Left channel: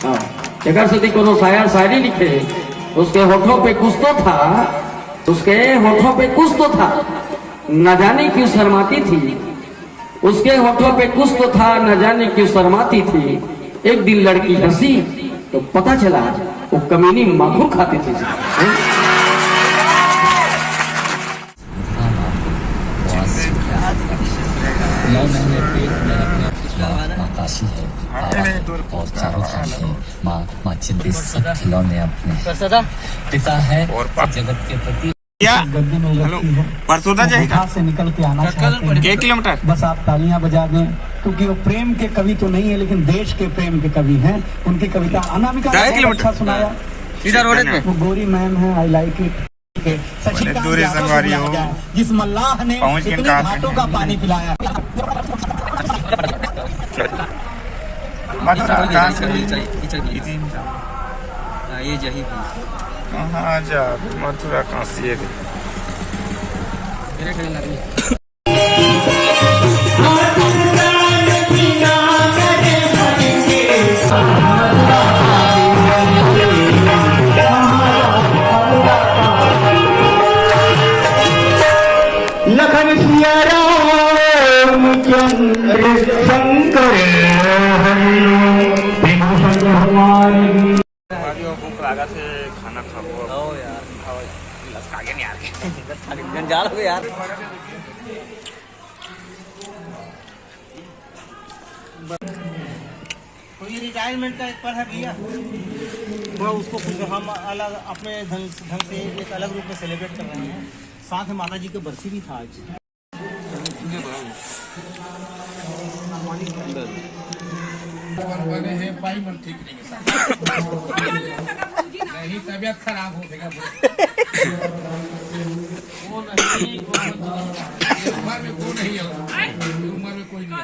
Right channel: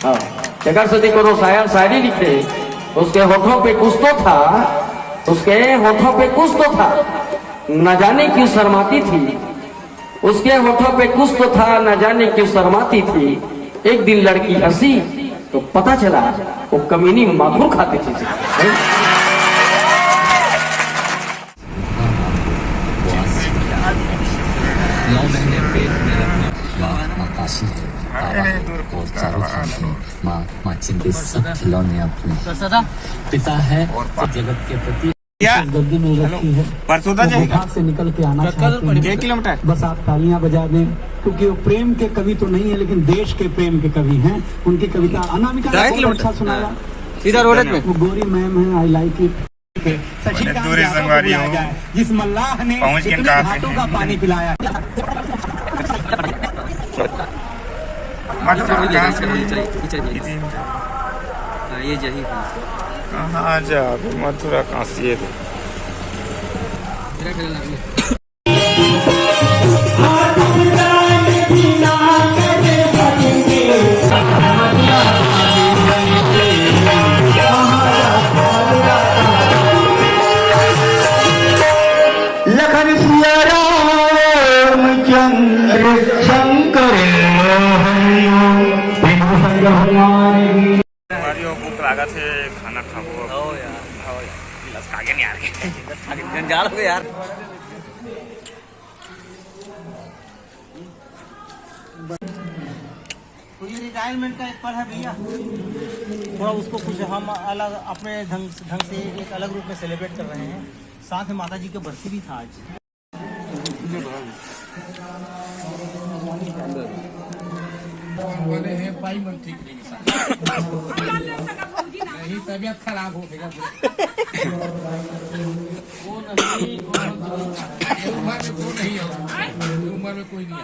हाँ, जगह सदी को शायरी लिखे, उसके होठों पे कुछ तो था, उसके होठों पे कुछ तो था, न जाने क्यों शर्माती थी। उसके होठों पे कुछ तो था, न जाने क्यों शर्माती थी। एक दिन लड़की हंसी तो पता चला वो कमीनी माखूर खाते थे। नकाशी है माँ चिंतित सब खिलौने अपने पिता है जगत के प्रति गर्दी में रखी है। परसों से निकल के आना चाहते हैं 1 किलोमीटर। बस आप तालियां बजा दें, क्योंकि वो प्रेम के कवि तो नहीं है लेकिन देश के प्रेम के कवि हैं। उनकी कविता अनामिका ने बहुत अच्छा सुनाया। इधर रोड पे वो गोरी मैम है, आई लाइक इट। दूरी संगवारी हो जिस मल्लाह ने पहुंच के घाटों का पानी पिलाया। मथुरा कहाँ से ये जही कहाँ जा मथुरा कहाँ से लखन सिया रामचंद्र शंकर भूख लगा थे खाना खाओ। आओ यार गिलास खा के नहीं आ रहे गंगाल हो गए यार। तो ये रिटायरमेंट का एक पल है भैया, थोड़ा उसको कुछ हम अलग अपने ढंग से एक अलग रूप में सेलिब्रेट कर रहे हैं। साथ में माता जी के बरसी भी था आज। बने हैं पाई मन ठीक नहीं तबियत खराब हो गया। उम्र में कोई नहीं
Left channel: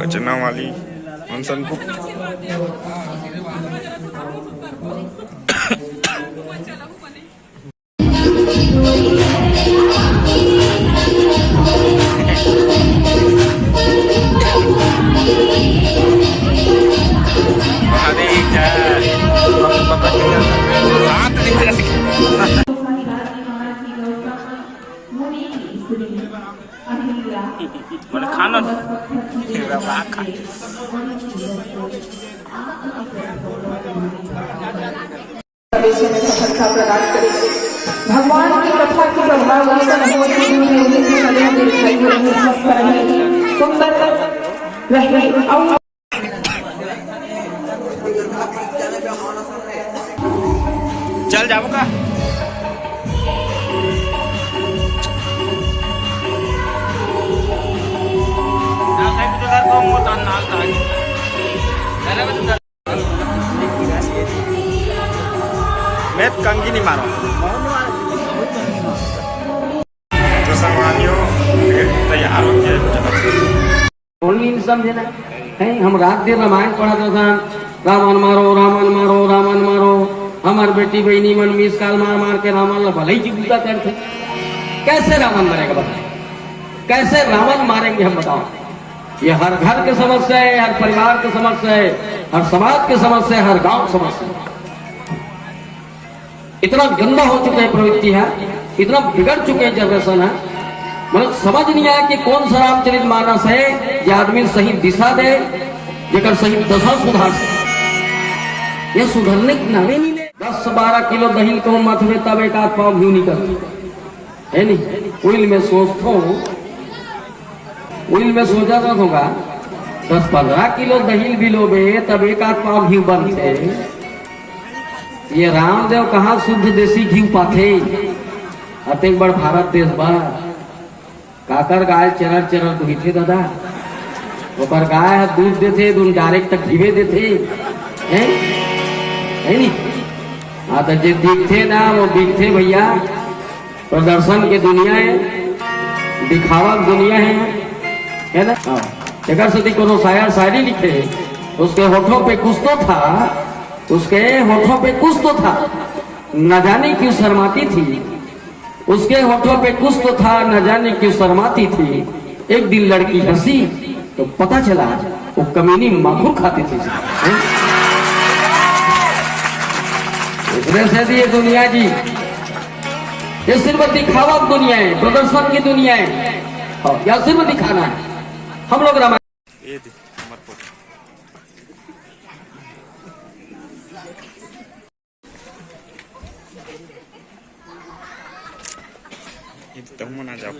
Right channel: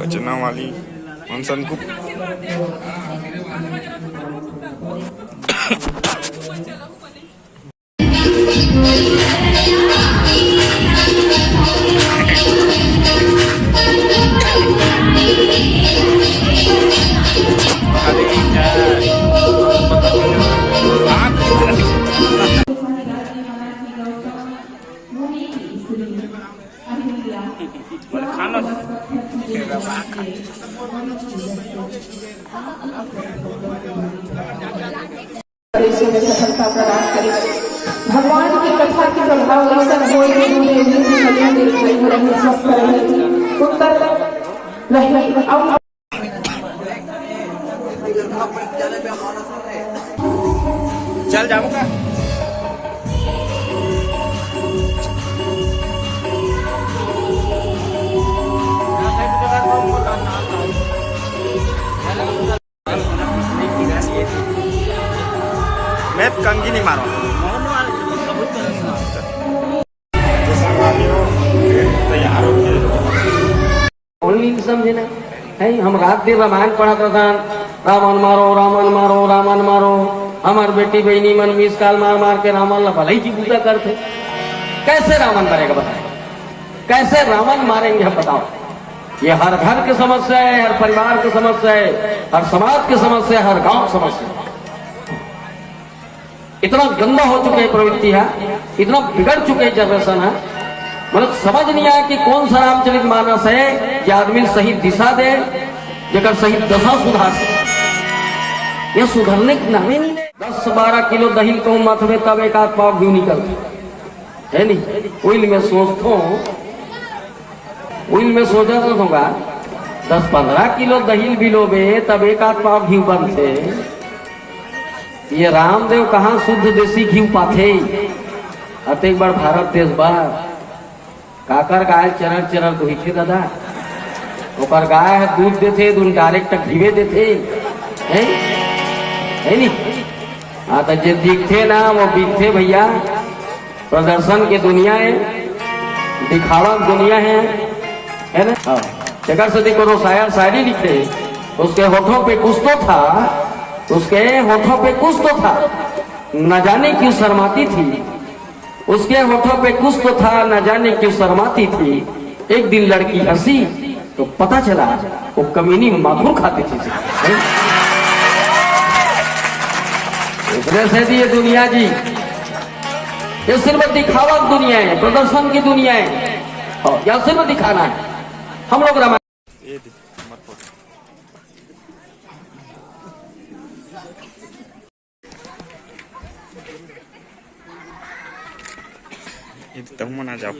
रचना वाली अनसन को सफलता प्रदान करे। भगवान की कथा की प्रभाव स्वस्थ रहे, सुंदर रहे। चल जाओ का मैं कंगी नहीं मारो तो संगवारियों तैयार होके समझे ना है। हम रात दिन रामायण पढ़ा था, रावण मारो रावण मारो रावण मारो, हमार बेटी बहनी मन मिस काल मार मार के रावण भले ही पूजा करते। कैसे रावण मारेगा बताओ, कैसे रावण मारेंगे हम बताओ। ये हर घर की समस्या है, हर परिवार की समस्या है, हर समाज की समस्या है, हर गांव समस्या है। इतना गंदा हो चुके प्रवृत्ति है, इतना बिगड़ चुके जनरेशन है, मतलब समझ नहीं आया कि कौन सा रामचरित मानस है ये आदमी सही दिशा दे, जगह सही दशा सुधार से। ये सुधरने की नामे नहीं दे। 10-12 किलो दही को मथवे तब एक आध पाव घी निकल है नहीं। उइल में सोचता हूँ, उइल में सोचा तो होगा 10-15 किलो दही भी लोबे तब एक आध पाव घी बनते। ये रामदेव कहाँ शुद्ध देसी घी पाथे। अब एक बार भारत देश बार काकर गाय चरर चरर धोते दादा, ओकर गाय दूध देते, डायरेक्ट घीवे देते है नहीं। हाँ तो जे दिखते ना वो दिखते भैया, प्रदर्शन के दुनिया है, दिखावा दुनिया है ना। हाँ, जगह से देखो शायरी लिखे, उसके होठों पे कुछ तो था, उसके होठों पे कुछ तो था, न जाने क्यों शर्माती थी, उसके होठों पे कुछ तो था, न जाने क्यों शर्माती थी। एक दिन लड़की हंसी तो पता चला वो कमीनी माखूर खाते थे। इसमें से ये दुनिया जी, ये सिर्फ दिखावा की दुनिया है, प्रदर्शन की दुनिया है, और या सिर्फ दिखाना है। हम लोग रामायण ये मत फोटो एकदम मना जाओ।